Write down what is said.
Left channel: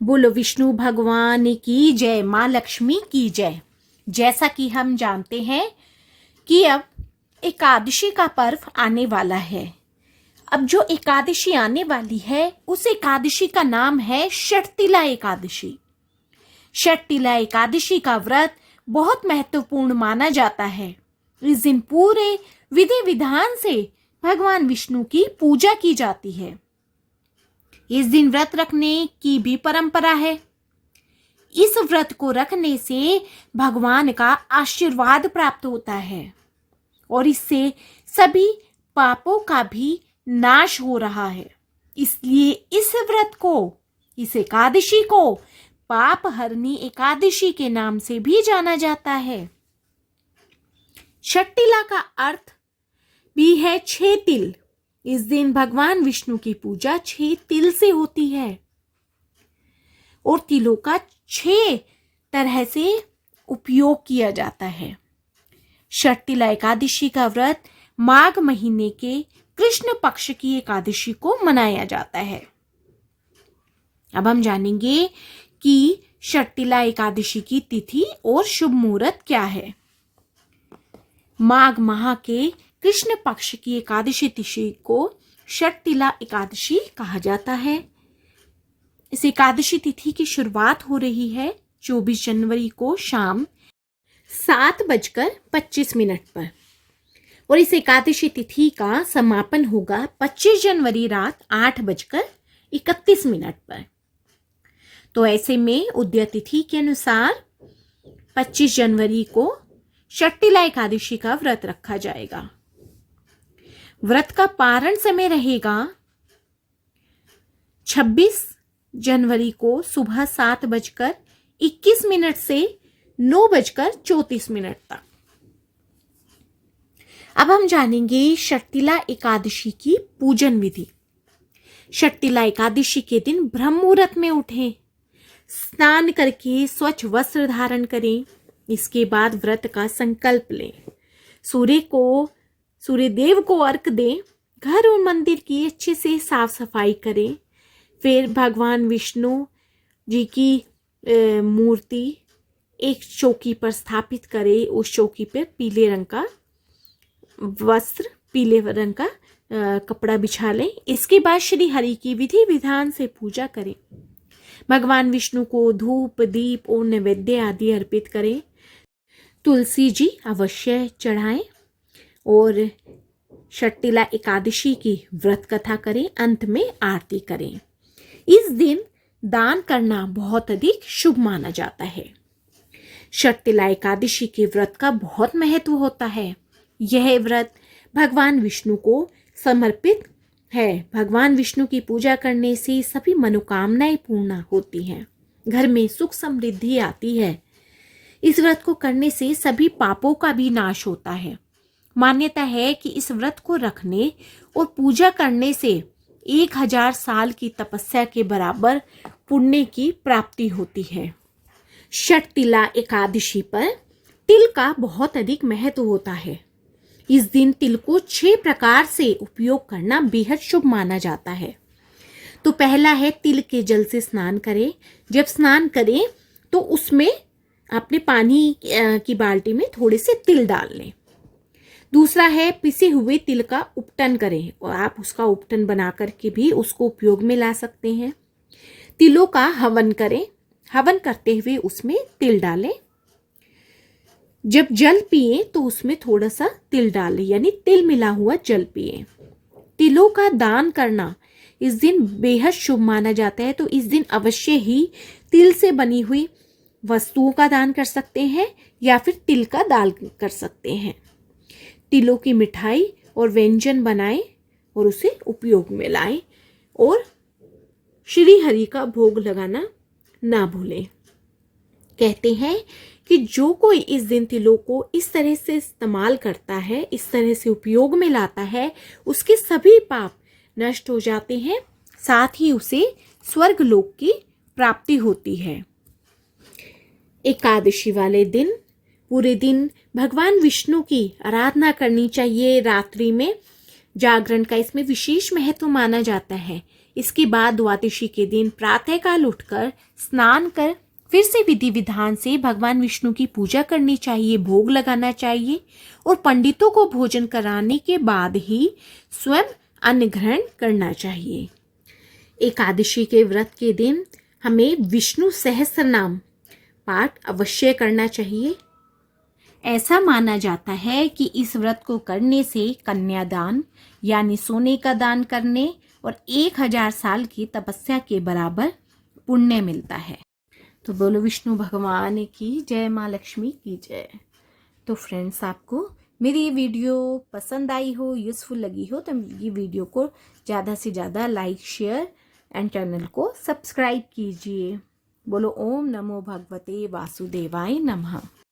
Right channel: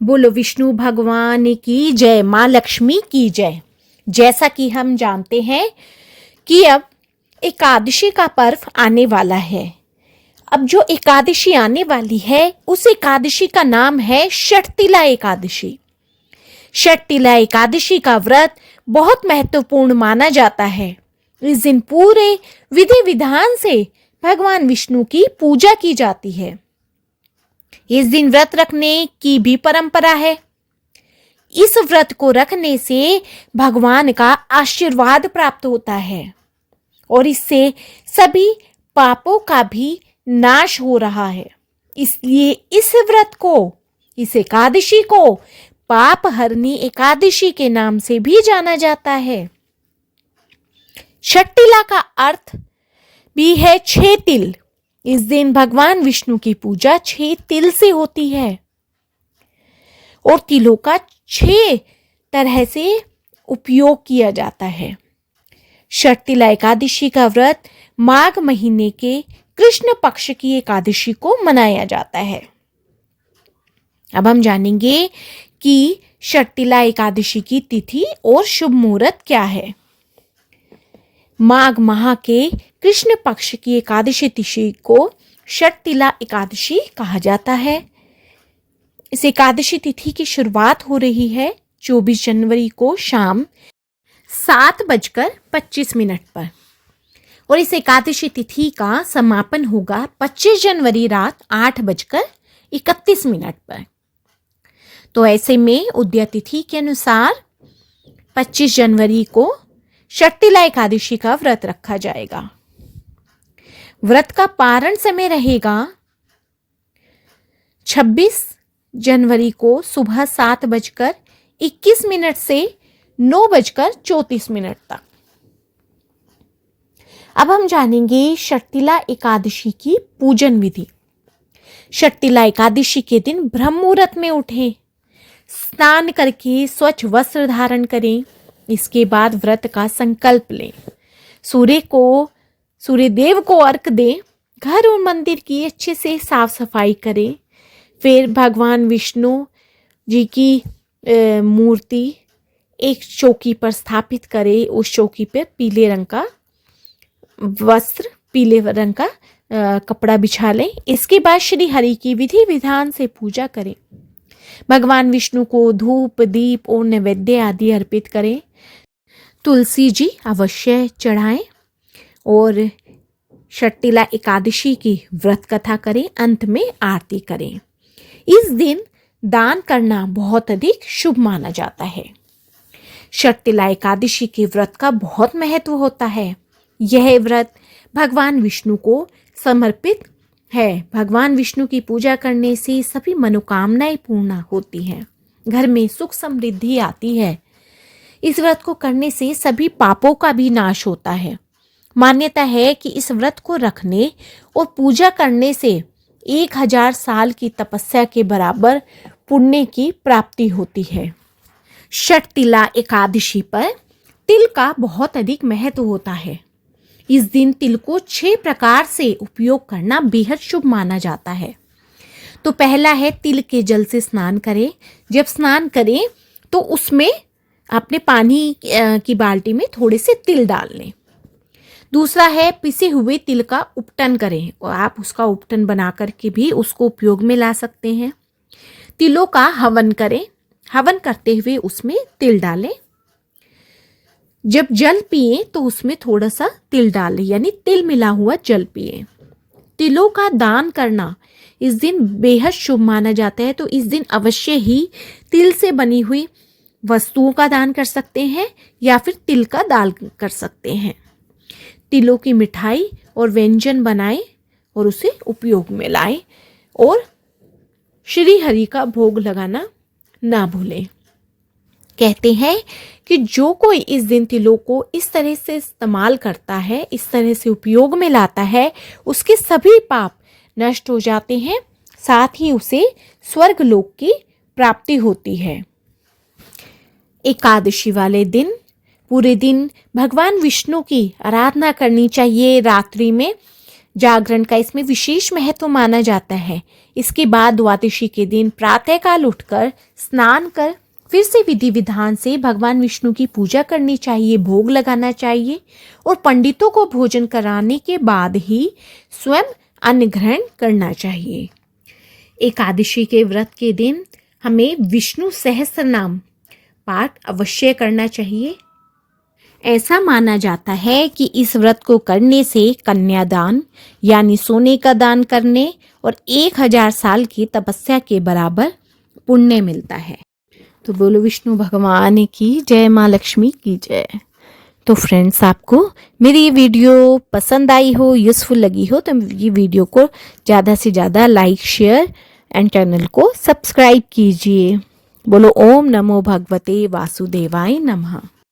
बोलो विष्णु भगवान की जय, माँ लक्ष्मी की जय। जैसा कि हम जानते हैं कि अब एकादशी का पर्व आने वाला है। अब जो एकादशी आने वाली है उस एकादशी का नाम है षटतिला एकादशी। षटतिला एकादशी का व्रत बहुत महत्वपूर्ण माना जाता है। इस दिन पूरे विधि विधान से भगवान विष्णु की पूजा की जाती है। इस दिन व्रत रखने की भी परंपरा है। इस व्रत को रखने से भगवान का आशीर्वाद प्राप्त होता है और इससे सभी पापों का भी नाश हो रहा है। इसलिए इस व्रत को, इस एकादशी को पाप हरनी एकादशी के नाम से भी जाना जाता है। षटतिला का अर्थ भी है 6 तिल। इस दिन भगवान विष्णु की पूजा 6 तिल से होती है और तिलों का 6 तरह से उपयोग किया जाता है। षटतिला एकादशी का व्रत माघ महीने के कृष्ण पक्ष की एकादशी को मनाया जाता है। अब हम जानेंगे कि षटतिला एकादशी की तिथि और शुभ मुहूर्त क्या है। माघ माह के कृष्ण पक्ष की एकादशी तिथि को षटतिला एकादशी कहा जाता है। इस एकादशी तिथि की शुरुआत हो रही है 24 जनवरी को शाम 7:25 पर और इस एकादशी तिथि का समापन होगा 25 जनवरी रात 8:31 पर। तो ऐसे में उदय तिथि के अनुसार 25 जनवरी को षटतिला एकादशी का व्रत रखा जाएगा। व्रत का पारण समय रहेगा 26 जनवरी को सुबह 7:21 से 9:34 तक। अब हम जानेंगे षटतिला एकादशी की पूजन विधि। षटतिला एकादशी के दिन ब्रह्म मुहूर्त में उठें, स्नान करके स्वच्छ वस्त्र धारण करें। इसके बाद व्रत का संकल्प लें, सूर्य देव को अर्घ दें, घर और मंदिर की अच्छे से साफ सफाई करें। फिर भगवान विष्णु जी की मूर्ति एक चौकी पर स्थापित करें। उस चौकी पर पीले रंग का वस्त्र, पीले रंग का कपड़ा बिछा लें। इसके बाद श्री हरि की विधि विधान से पूजा करें। भगवान विष्णु को धूप, दीप और नैवेद्य आदि अर्पित करें। तुलसी जी अवश्य चढ़ाएं और षटतिला एकादशी की व्रत कथा करें। अंत में आरती करें। इस दिन दान करना बहुत अधिक शुभ माना जाता है। षटतिला एकादशी के व्रत का बहुत महत्व होता है। यह व्रत भगवान विष्णु को समर्पित है। भगवान विष्णु की पूजा करने से सभी मनोकामनाएं पूर्ण होती हैं, घर में सुख समृद्धि आती है। इस व्रत को करने से सभी पापों का भी नाश होता है। मान्यता है कि इस व्रत को रखने और पूजा करने से 1000 साल की तपस्या के बराबर पुण्य की प्राप्ति होती है। षटतिला एकादशी पर तिल का बहुत अधिक महत्व होता है। इस दिन तिल को 6 प्रकार से उपयोग करना बेहद शुभ माना जाता है। तो पहला है तिल के जल से स्नान करें। जब स्नान करें तो उसमें अपने पानी की बाल्टी में थोड़े से तिल डाल लें। दूसरा है पिसे हुए तिल का उपटन करें और आप उसका उपटन बना करके भी उसको उपयोग में ला सकते हैं। तिलों का हवन करें। हवन करते हुए उसमें तिल डालें। जब जल पिए तो उसमें थोड़ा सा तिल डालें, यानी तिल मिला हुआ जल पिए। तिलों का दान करना इस दिन बेहद शुभ माना जाता है। तो इस दिन अवश्य ही तिल से बनी हुई वस्तुओं का दान कर सकते हैं या फिर तिल का दान कर सकते हैं। तिलों की मिठाई और व्यंजन बनाएं और उसे उपयोग में लाएं और श्री हरि का भोग लगाना ना भूलें। कहते हैं कि जो कोई इस दिन तिलों को इस तरह से इस्तेमाल करता है, इस तरह से उपयोग में लाता है, उसके सभी पाप नष्ट हो जाते हैं, साथ ही उसे स्वर्ग लोक की प्राप्ति होती है। एकादशी वाले दिन पूरे दिन भगवान विष्णु की आराधना करनी चाहिए। रात्रि में जागरण का इसमें विशेष महत्व माना जाता है। इसके बाद द्वादशी के दिन प्रातःकाल उठकर स्नान कर फिर से विधि विधान से भगवान विष्णु की पूजा करनी चाहिए, भोग लगाना चाहिए और पंडितों को भोजन कराने के बाद ही स्वयं अन्न ग्रहण करना चाहिए। एकादशी के व्रत के दिन हमें विष्णु सहस्त्र नाम पाठ अवश्य करना चाहिए। ऐसा माना जाता है कि इस व्रत को करने से कन्यादान यानी सोने का दान करने और 1000 साल की तपस्या के बराबर पुण्य मिलता है। तो बोलो विष्णु भगवान की जय, माँ लक्ष्मी की जय। तो फ्रेंड्स, आपको मेरी ये वीडियो पसंद आई हो, यूज़फुल लगी हो तो ये वीडियो को ज़्यादा से ज़्यादा लाइक, शेयर एंड चैनल को सब्सक्राइब कीजिए। बोलो ओम नमो भगवते वासुदेवाय नमः।